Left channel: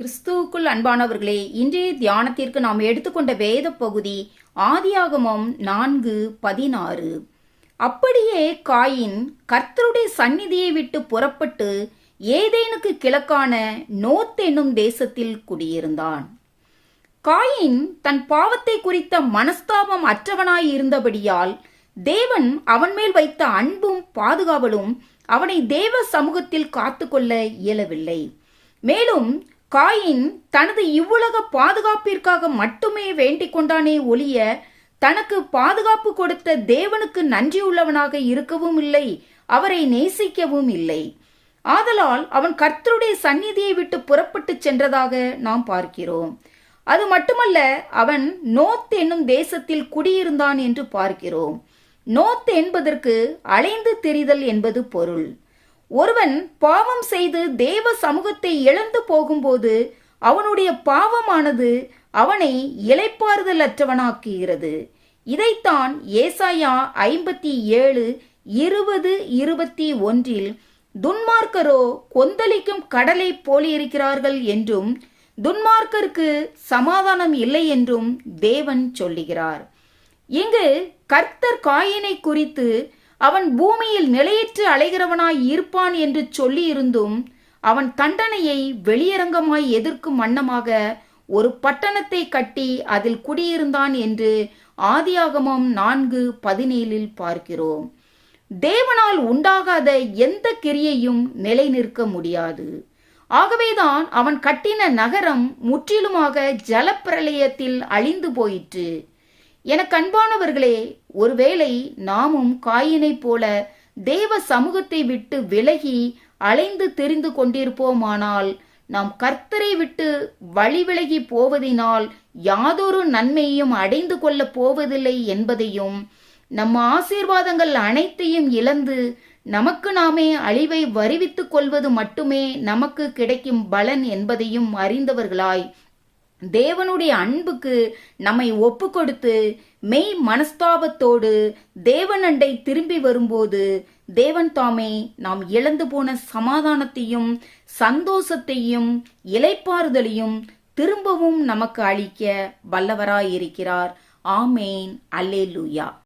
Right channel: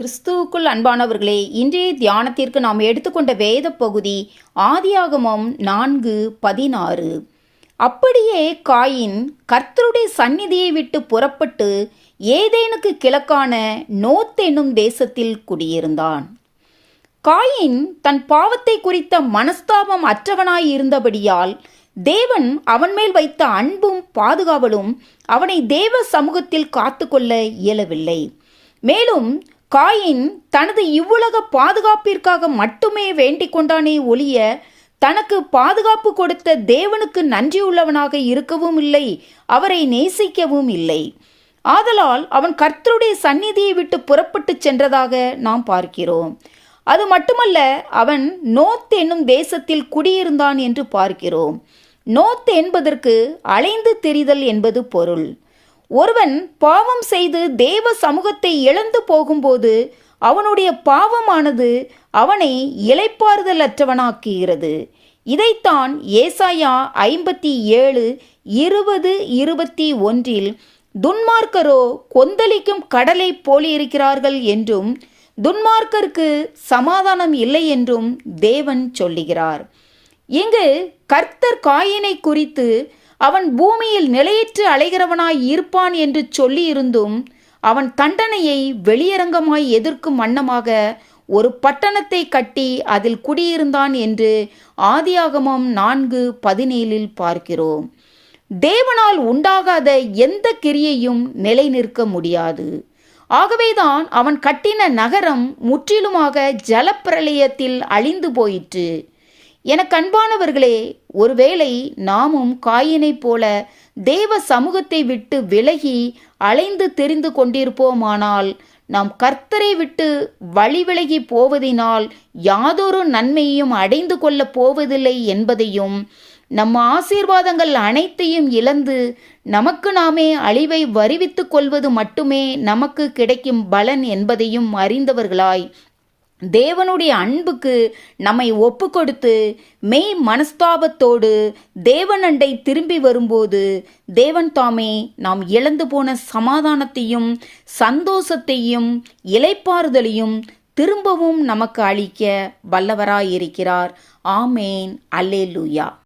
கிறிஸ்துவுக்குள் அன்பானவர்களே, இன்றைய தியானத்திற்கு நாம் எடுத்துக்கொண்ட வேத பகுதி ஆதியாகமம் 4:16. அப்படியே காயின் கர்த்தருடைய சந்நிதியை விட்டு புறப்பட்டு ஏதேனுக்கு கிழக்கான நோத் என்னும் தேசத்தில் குடியிருந்தான். காயின் தன் பாவத்தை குறித்த மனஸ்தாபம் அற்றவனாய் இருந்தபடியால் தேவன் அவன் மேல் வைத்த அன்பும் பாதுகாவலும் அவனை தேவ சமூகத்தில் காத்துக்கொள்ள இயலவில்லை. மேலும் காயின் தனது இவ்வுலக பாதுகாப்பிற்காக மட்டுமே வேண்டிக் கொண்டானே ஒழிய தனக்கு பாதுகாப்பு கொடுத்த தேவனுக்கு நன்றியுள்ளவனாக இருக்கவும் இல்லை, அவரை நேசிக்கவும் இல்லை. ஆதலால் அவன் கர்த்தருடைய சந்நிதியை விட்டு புறப்பட்டு சென்றதாக நாம் பார்க்கிறோம். அது மட்டுமல்ல, அவன் நோத் என்னும் தேசத்தில் குடியிருந்தான் என்று பார்க்கிறோம். நோத் என்பதற்கு அலைந்து திரிதல் என்பது பொருள். ஒருவன் பாவம் செய்து தேவ சமூகத்தை இழந்து போகும்போது அவனுடைய பாவமானது அவனை இளைப்பாறுதல் அற்றவனாக்குகிறது. இதைத்தான் ஏசாயா 57:20-21 துன்மார்க்கரோ கொந்தளிக்கும் கடலை போலிருக்கிறார்கள் என்றும் துன்மார்க்கருக்கு சமாதானம் இல்லை என்றும் தேவன் சொல்லுகிறார். இங்கு கர்த்தர் காயினை குறித்து அவன் பூமியில் நிலையற்று அலைகிறவனாய் இருப்பான் என்று சொல்லியிருந்தும் அவன் தண்டனையை வெளியரங்கமாய் எதிர்க்கும் வண்ணமாக ஒரு பட்டணத்தை கட்டி அதில் குடியிருந்தான் என்று ஆதியாகமம் 4:17 பார்க்கிறோம். தேவனால் உண்டாகாத எந்த கிரியையும் நிலை நிற்க முடியாது. ஆகவேதான் அவன் கட்டின நகரம் முற்றிலுமாக ஜலப்பிரளயத்தில் அழிந்து போயிற்று. எனக்கு அன்பானவர்களே, ஒருவேளை நாமும் காயினைப் போல தேவ சமூகத்தை விட்டு விலகி அலைந்து தெரிந்து கொண்டிருப்போமானால் நாம் கர்த்தரை விட்டு வழி விலகி போவதினால் யாதொரு நன்மையையும் அடைந்து கொள்ளப் போவதில்லை என்பதையும், நம் ஆசீர்வாதங்கள் அனைத்தையும் இழந்து நமக்கு நாமே அழிவை வருவித்துக் கொள்வது மட்டுமே நமக்கு கிடைக்கும் பலன் என்பதையும் அறிந்தவர்களாய் தேவனுடைய அன்புக்கு நம்மை ஒப்பு கொடுத்து மெய் மனஸ்தாபத்தோடு தேவனண்டை திரும்பி வரும்போது தேவன் தாமே நாம் இழந்து போன சமாதானத்தையும் சந்தோஷத்தையும் இளைப்பாறுதலையும் திரும்பவும் நமக்கு அளிக்க வல்லவராயிருக்கிறார். ஆமேன். அல்லேலூயா.